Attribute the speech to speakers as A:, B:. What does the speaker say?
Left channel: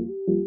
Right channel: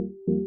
A: thank you